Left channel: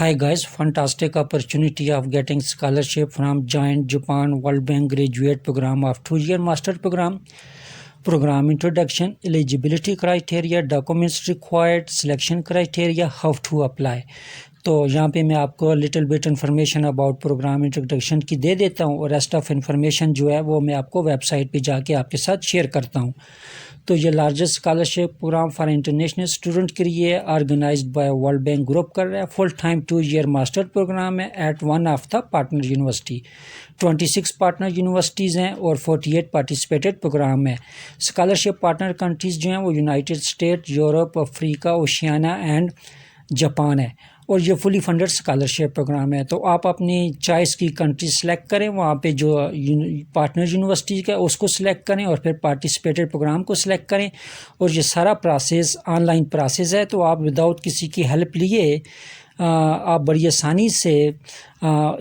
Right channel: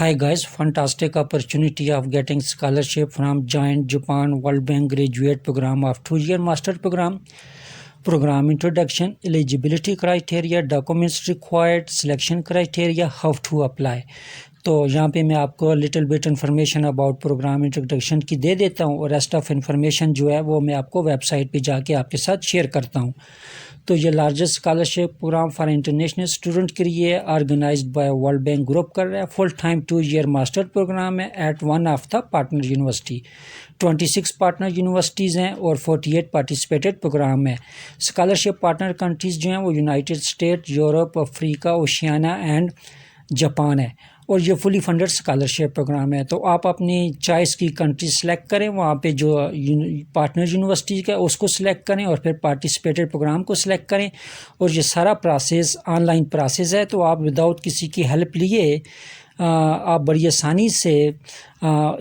Hi guys, fantastic opportunity of getting scholarship from Giant Japan World Bank graduate program of 2-year master program introduction, eligibility criteria, documents required, selection criteria, how to apply। तो यहाँ पे मैं आपको little bit information about program introduction की दे देता हूँ और रेस्ट ऑफ इन्फॉर्मेशन जो है वो मैं आपको वेबसाइट पे जाके आपके साथ शेयर करता हूँ। तो ये largest scholarship program for international student के लिए organized by World Bank group कर रहा है। Full time 2-year master program है at one of the partner university. 26 partner universities हैं और 48 पार्टिसिपेटेड प्रोग्राम है। स्कॉलरशिप पार्टनर कंट्रीज़ जो हैं वो United State, Europe, Africa, Oceania and Japan है और ये फुली फंडेड स्कॉलरशिप प्रोग्राम है। तो आप अपनी चॉइस की कंट्री सेलेक्ट करें, वहाँ पे जो पार्टनर यूनिवर्सिटी का उसको सिलेक्ट करें और फिर पार्टिसिपेटेड प्रोग्राम को सिलेक्ट करें और ये सारा प्रोसेस ऑनलाइन प्रोसेस है। तो आप विदाउट किसी की हेल्प लिए आप बड़ी आसानी से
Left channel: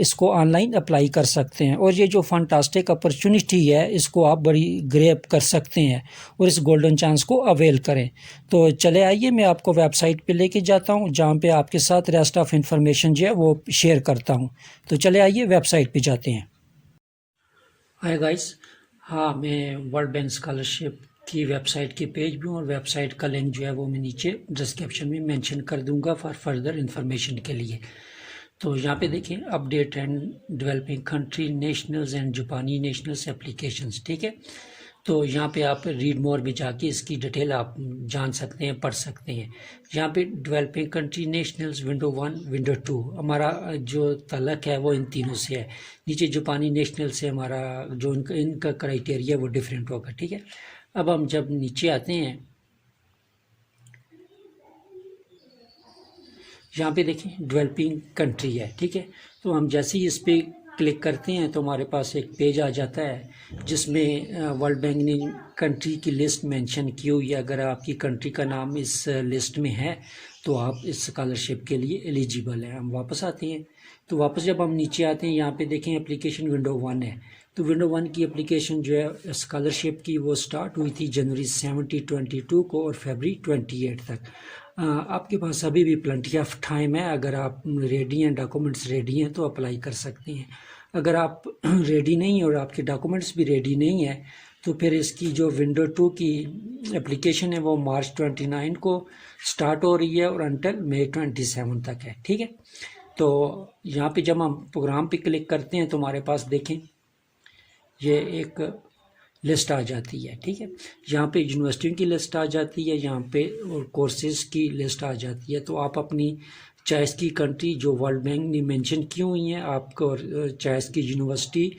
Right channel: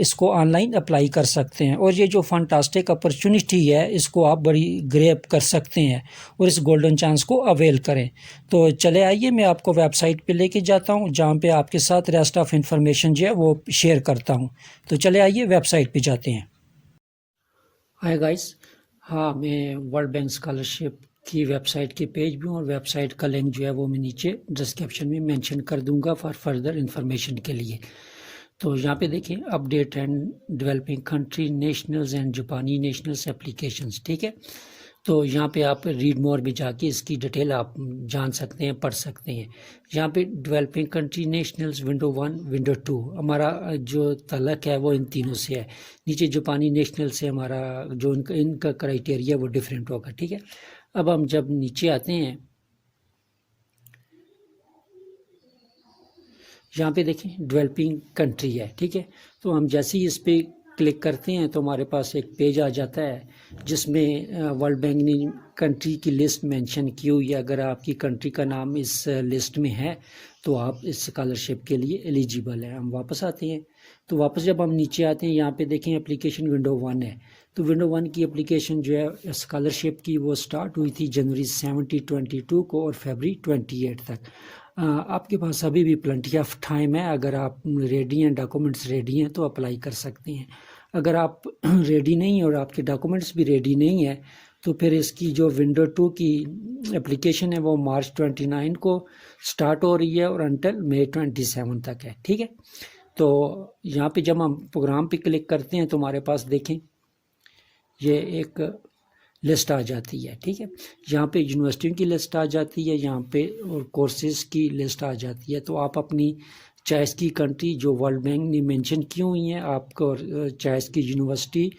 इसको ऑनलाइन अप्लाई कर सकते हैं और ये जो फंटास्टिक अपॉर्चुनिटी है इसको आप बड़ी ग्रैब कर सकते हैं और इस गोल्डन चांस को अवेल करें। तो चले आइए मैं आपको वेबसाइट पे लेके जाता हूँ जहाँ पे आपके साथ रेस्ट ऑफ इंफॉर्मेशन जो है वो शेयर करता हूँ। तो चले आइए वेबसाइट पे जाते हैं। हाय गाइस, हाँ मैं वर्ल्ड बैंक स्कॉलरशिप की वेबसाइट के पेज में और वेबसाइट का लिंक जो है वो मैं नीचे डिस्क्रिप्शन में मेंशन कर दूंगा फॉर फर्दर इन्फॉर्मेशन के लिए। तो यहाँ पे देखें update and developing country nationals and जापानी नेशनल्स एप्लीकेशंस, ठीक है। तो यहाँ पे आप रीड मोर में जाके इसकी डिटेल आप जान सकते हैं, पढ़ सकते हैं। यहाँ पे developing country nationals window 1 window 2 हमारा जो तलक है वो इन तीनों से है। नीचे जापानी नेशनल से हमारा जो इनका क्राइटेरिया वो डिफरेंट होगा, ठीक है। अब हम जब नीचे आते हैं यहाँ पे देखें डेवलपिंग कंट्री है, ठीक है। तो हम जैसे ही इस पर क्लिक करते हैं तो हमारे पास एक पेज आ जाता है जिसमें वर्ल्ड बैंक ने कंट्री की लिस्ट मेंशन की हुई है। अगर आपकी कंट्री का नाम इस लिस्ट में है तो आप इस स्कॉलरशिप के लिए एलिजिबल है। हम वापस आते हैं तो वापस जब हम नीचे आते हैं यहाँ पे देखें एप्लीकेशन विंडो 1 है। तो विंडो 1 की एप्लीकेशन जो है स्कॉलरशिप की वो स्टार्ट हुई थी जनवरी 2022 को और फरवरी 28 तक। आपके पास अभी भी प्लेंटी ऑफ टाइम है। अगर आप रेडी हैं, डॉक्यूमेंट्स रेडी हैं तो अप्लाई कर सकते हैं। अगर आप रेडी नहीं और आपके डॉक्यूमेंट्स भी रेडी नहीं है तो फिर इसकी जो विंडो 2 की एप्लीकेशन है वो मार्च 29 को स्टार्ट हो रही है और अंटिल मई 27 तक है, ठीक है। तो यहाँ पे जब हम प्रोग्राम पे क्लिक करते हैं तो हमारे पास देखें ये एक लिस्ट आ जाती है, ठीक है। यहाँ पे यूनिवर्सिटी की लिस्ट आ जाती है, यहाँ पे और कोर्सेज की लिस्ट आ जाती है। तो आप अपनी चॉइस की कंट्री जो वर्ल्ड बैंक ने मेंशन की हुई है आपको चॉइस की यूनिवर्सिटी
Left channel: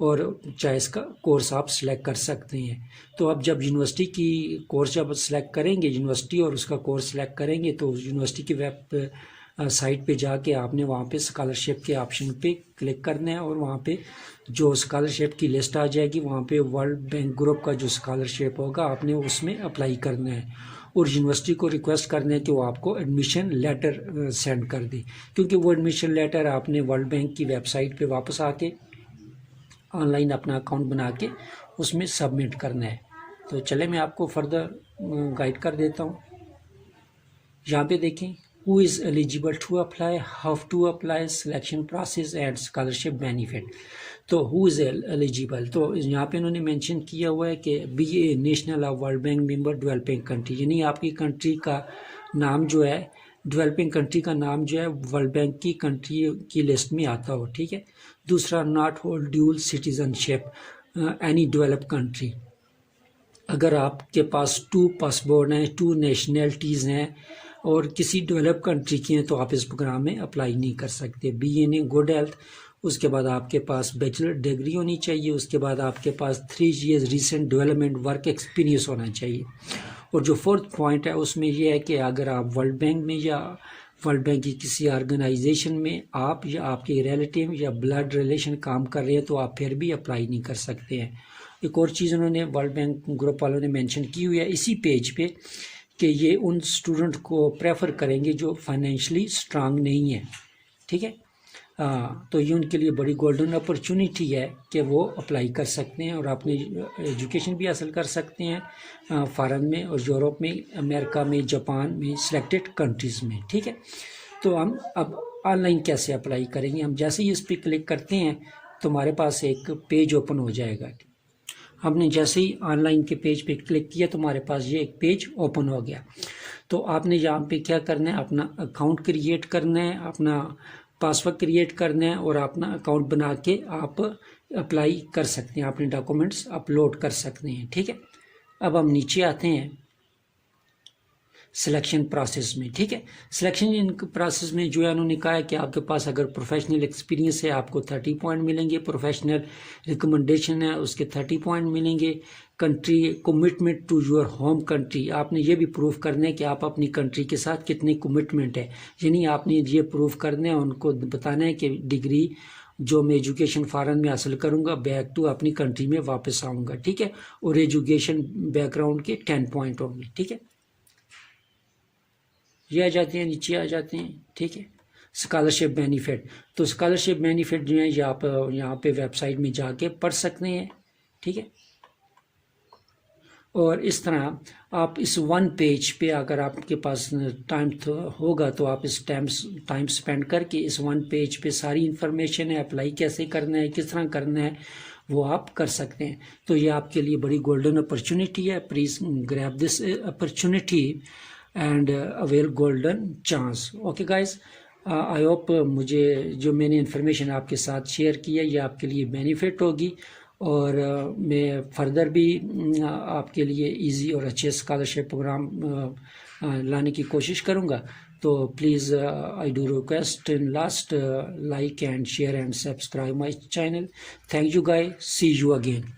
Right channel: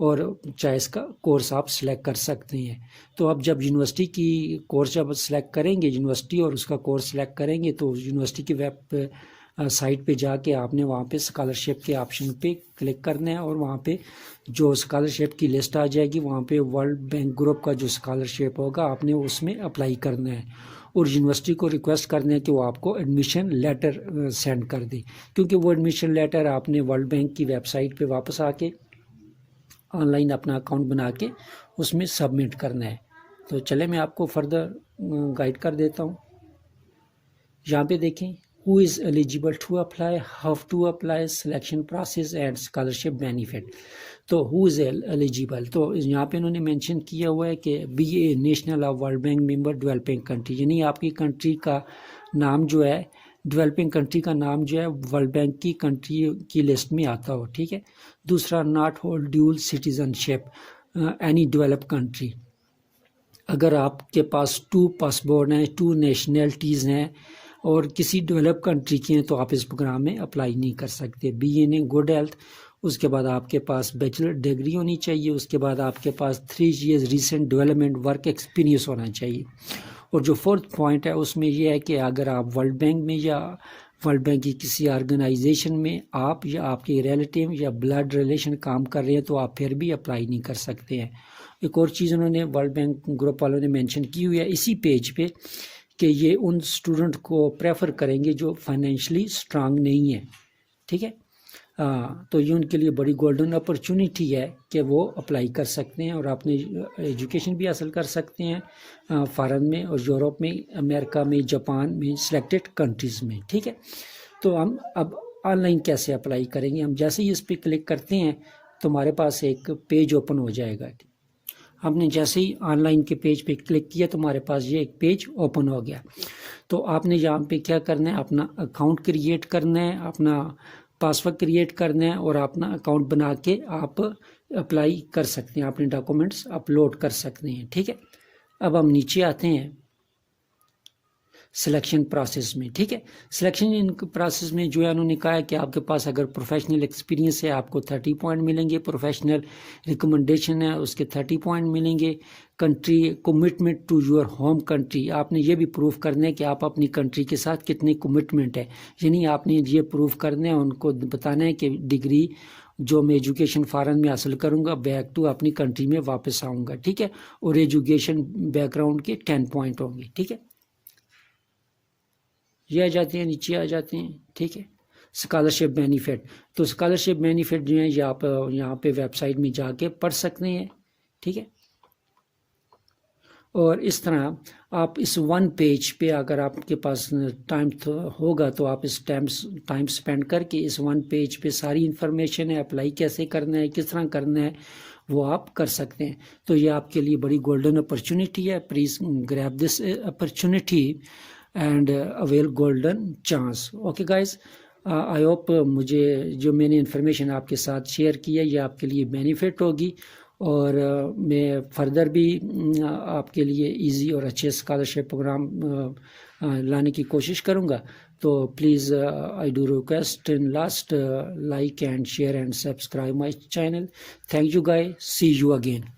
और चॉइस का कोर्स आप सिलेक्ट कर सकते हैं। तो अब जब यूनिवर्सिटी की कोर्स जब सिलेक्ट करेंगे, यूनिवर्सिटी और उसका कोर्स सिलेक्ट करेंगे तो यूनिवर्सिटी की वेब साइट पे जाके आपने वहाँ पे स्कॉलरशिप के ऑप्शन पे क्लिक करना है और वहाँ पे जो स्कॉलरशिप की लिस्ट आ जाएगी वहाँ पे वर्ल्ड बैंक ग्रुप का जो स्कॉलरशिप होगा आपने उसमें अप्लाई करना है और यूनिवर्सिटी को रिक्वेस्ट करना है कि वो आपको एडमिशन लेटर सेंड कर दे, क्योंकि वो एडमिशन लेटर आपने वर्ल्ड बैंक की वेबसाइट पे वापस आके ऑनलाइन अपना अकाउंट बना के उसमें सबमिट करना है। तो चले मैं आपको फर्दर गाइड कर देता हूँ। यहाँ पे देखें who is eligible to apply, how to apply, selection process and scholarship benefit। तो who is eligible, तो यहाँ पे उन्होंने मेंशन किया हुआ है कि be a national of world bank member developing country, यानी आपकी कंट्री का नाम जो है डेवलपिंग कंट्री का नाम जो है वर्ल्ड बैंक की कंट्री की लिस्ट में आता हो, ठीक है। दूसरा not hold dual citizenship any develop country, अगर आपके पास 2 पासपोर्ट हैं, 2 नेशनलिटीज़ हैं और किसी डेवलप कंट्री की हैं तो आप इस प्रोग्राम में अप्लाई नहीं कर सकते। Be in a good health, उसके बाद आपके पास बैचलर डिग्री होनी चाहिए, उसके बाद आपके पास 3 years recent development work experience होना चाहिए। और जो 4th पॉइंट है उसमें यह है कि अगर आप वर्ल्ड बैंक में या वर्ल्ड बैंक की किसी ऑर्गेनाइजेशन में आप या आपके रिलेटिव या ब्लड रिलेशन काम कर रहे हैं तो आप फिर भी अप्लाई नहीं कर सकते हैं। एक और चीज़ उन्होंने वर्ल्ड बैंक ग्रुप वालों ने मेंशन की हुई है इसी पेज पे कि ये उन स्टूडेंट को प्रेफर करेंगे जो फाइनेंशियली स्ट्रांग नहीं है, ठीक है। तो ये उनके लिए बड़ी गोल्डन अपॉर्चुनिटी है कि वो अप्लाई कर सकते हैं और अपनी एजुकेशन भी हासिल कर सकते हैं फॉरेन में और यूरोप में, अमेरिका में, जापान में, सिलेक्टेड कंट्रीज़ में, ठीक है। तो हम अब ऑनलाइन कैसे अप्लाई करेंगे? हम जैसे ही इस पर क्लिक करते हैं तो हमारे पास एक पेज ओपन हो जाएगा। हमने जैसे ही ऑनलाइन के पेज पे क्लिक किया तो हमारे पास ये एक पेज ओपन हो गया। तो आपने यहाँ पे क्या करना है, अपना अकाउंट क्रिएट करना है, अपना पासवर्ड क्रिएट करना है और अपना अकाउंट बना के आप अप्लाई कर सकते हैं, अपने डॉक्यूमेंट्स अपलोड कर सकते हैं। ठीक है, अब हम नीचे आते हैं सिलेक्शन प्रोसेस में। ठीक है, सिलेक्शन प्रोसेस में जो है उन्होंने कहा है कि आपके पास अगर प्रोफेशनल एक्सपीरियंस है आपको 30 पॉइंट मिलेंगे, प्रोफेशनल रिकमेंडेशन है उसके 30 पॉइंट मिलेंगे, country commitment to your home country, आपने ये भी प्रूव करना है कि आप अपनी कंट्री के साथ कितनी कमिटमेंट है, यानी आपने ये प्रूव करना है, उनको बताना है कि डिग्री जो मैं एजुकेशन फॉरेन में हासिल करूंगा बैक टू अपनी कंट्री में वापस आऊँगा। ठीक है, और एजुकेशन बैकग्राउंड के 10 पॉइंट होंगे। ठीक है, ये आ जाते हैं, नीचे आ जाते हैं। ठीक है, स्कॉलरशिप बेनिफिट, तो स्कॉलरशिप बेनिफिट जो है ये आप यहाँ पे वेबसाइट में जाके पढ़ सकते हैं। ठीक है, और इस तरह आप इस वन पेज पे अगर आपके पास टाइम होगा तो आप इस टाइम स्पेंड करके इस वन पेज पे सारी इन्फॉर्मेशन है, अप्लाई कैसे करना है, किस तरह करना है, वो आप कर सकते हैं। तो ये आपके लिए बड़ी गोल्डन अपॉर्चुनिटी है। Please grab this opportunity and avail golden chance. Okay guys, I hope मुझे जो मैंने इन्फॉर्मेशन आपके साथ शेयर की है ये आपके लिए बेनिफिट होगी, और मैं फर्दर भी आपके लिए इजी और अच्छे स्कॉलरशिप प्रोग्राम लाने की कोशिश करूँगा। तो please I do request in last like and share and subscribe my channel. Thank you guys, see you again.